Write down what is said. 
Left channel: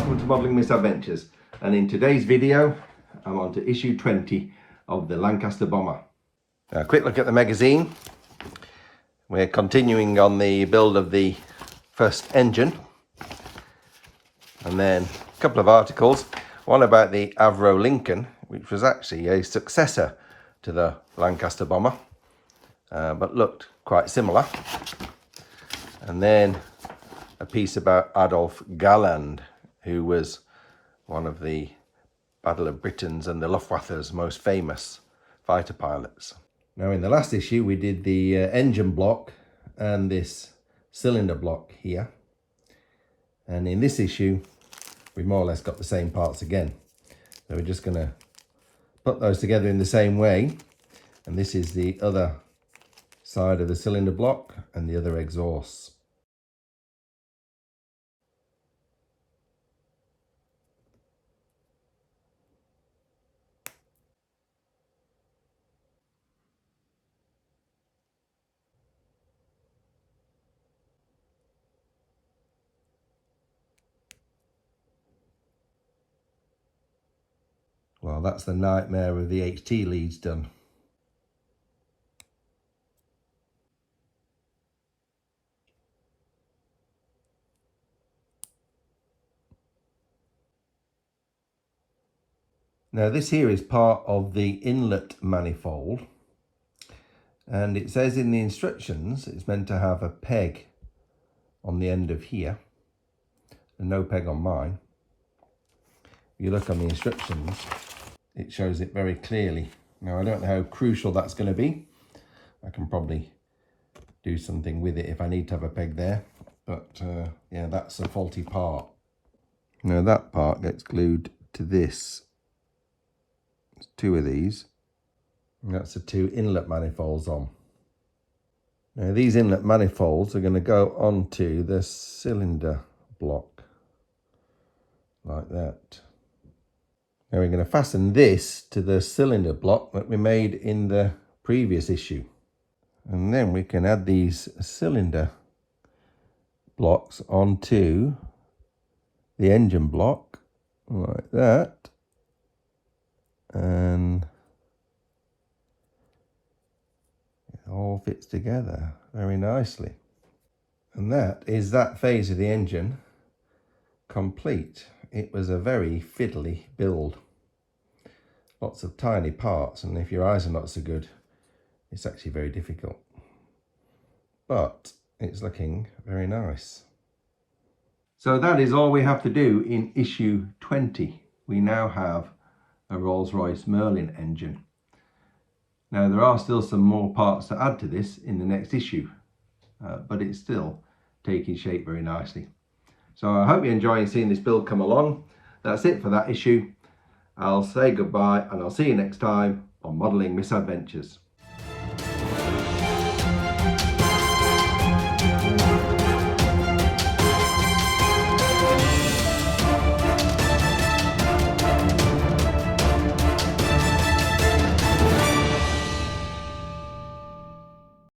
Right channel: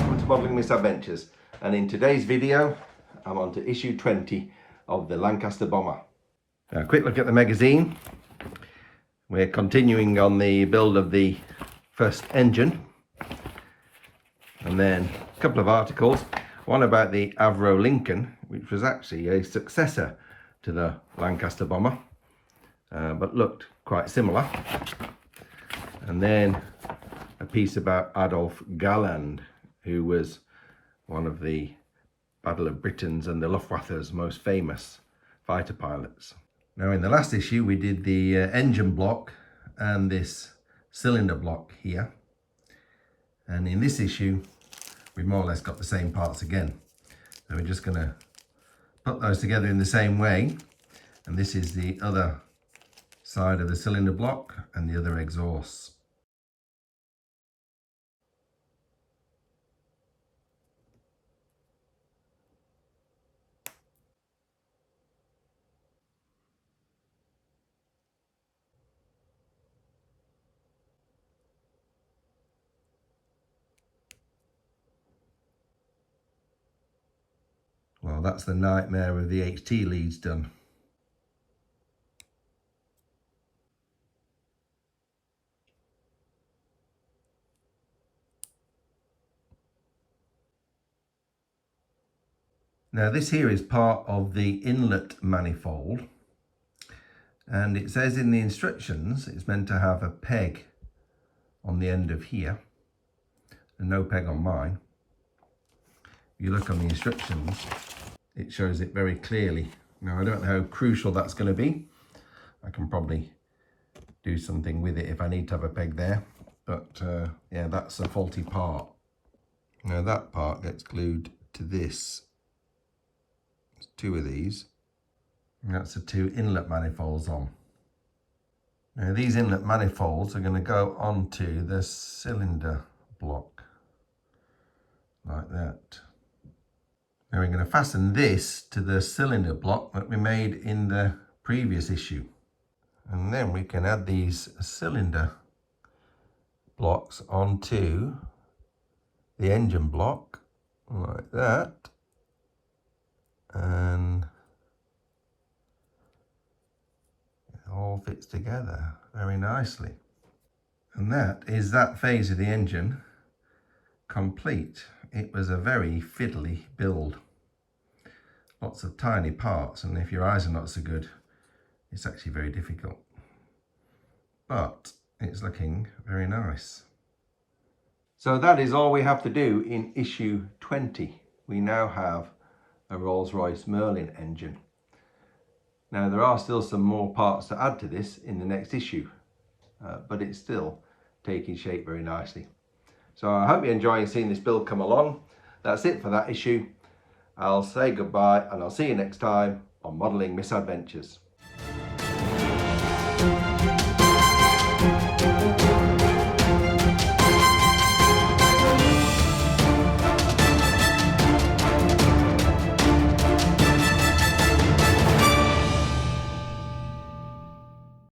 welcome to Modelling Misadventures, and in today's video I'm on to issue 20 of the Lancaster bomber. A quick look at the magazine. We're continuing on the build of the first engine, and then a couple of articles, one about the Avro Lincoln, which was actually a successor to the Lancaster bomber, but looked quite similar, and then a piece about Adolf Galland, who was one of the Battle of Britain's and the Luftwaffe's most famous fighter pilots. Now, in the last issue we did the engine block and this cylinder block here, and in this issue we more or less got the same parts again, so we're just going to put those together in the same way. And this is the other side of the cylinder block and the other exhausts. Well, that's the nightmare of the HT leads done. Now, this here is part of the inlet manifold, and it says in the instructions it's meant to have a peg on the end of here, and no peg on mine. If you look on the instructions, it shows it very clearly. Now, I don't know how crucial that's going to be. I can probably do something with it if I need to have a peg there, but yeah, that's a faulty part. Now, that part gets glued to this. There's two of these, and that's the two inlet manifolds on. Now, these inlet manifolds are going to go onto the cylinder block like that. Now, we're going to fasten this to the cylinder block that we made in the previous issue, and then we can add these cylinder blocks onto the engine block like that, and it all fits together very nicely. And that is that phase of the engine complete. It was a very fiddly build, lots of tiny parts, and if your eyes are not so good, it's actually very difficult, but it's looking very nice. So that is all we have to do in issue 20. We now have a Rolls Royce Merlin engine. Now, there are still some more parts to add to this in the next issue, but it's still taking shape very nicely. So I hope you're enjoying seeing this build come along. That's it for that issue. I'll say goodbye, and I'll see you next time on Modelling Misadventures.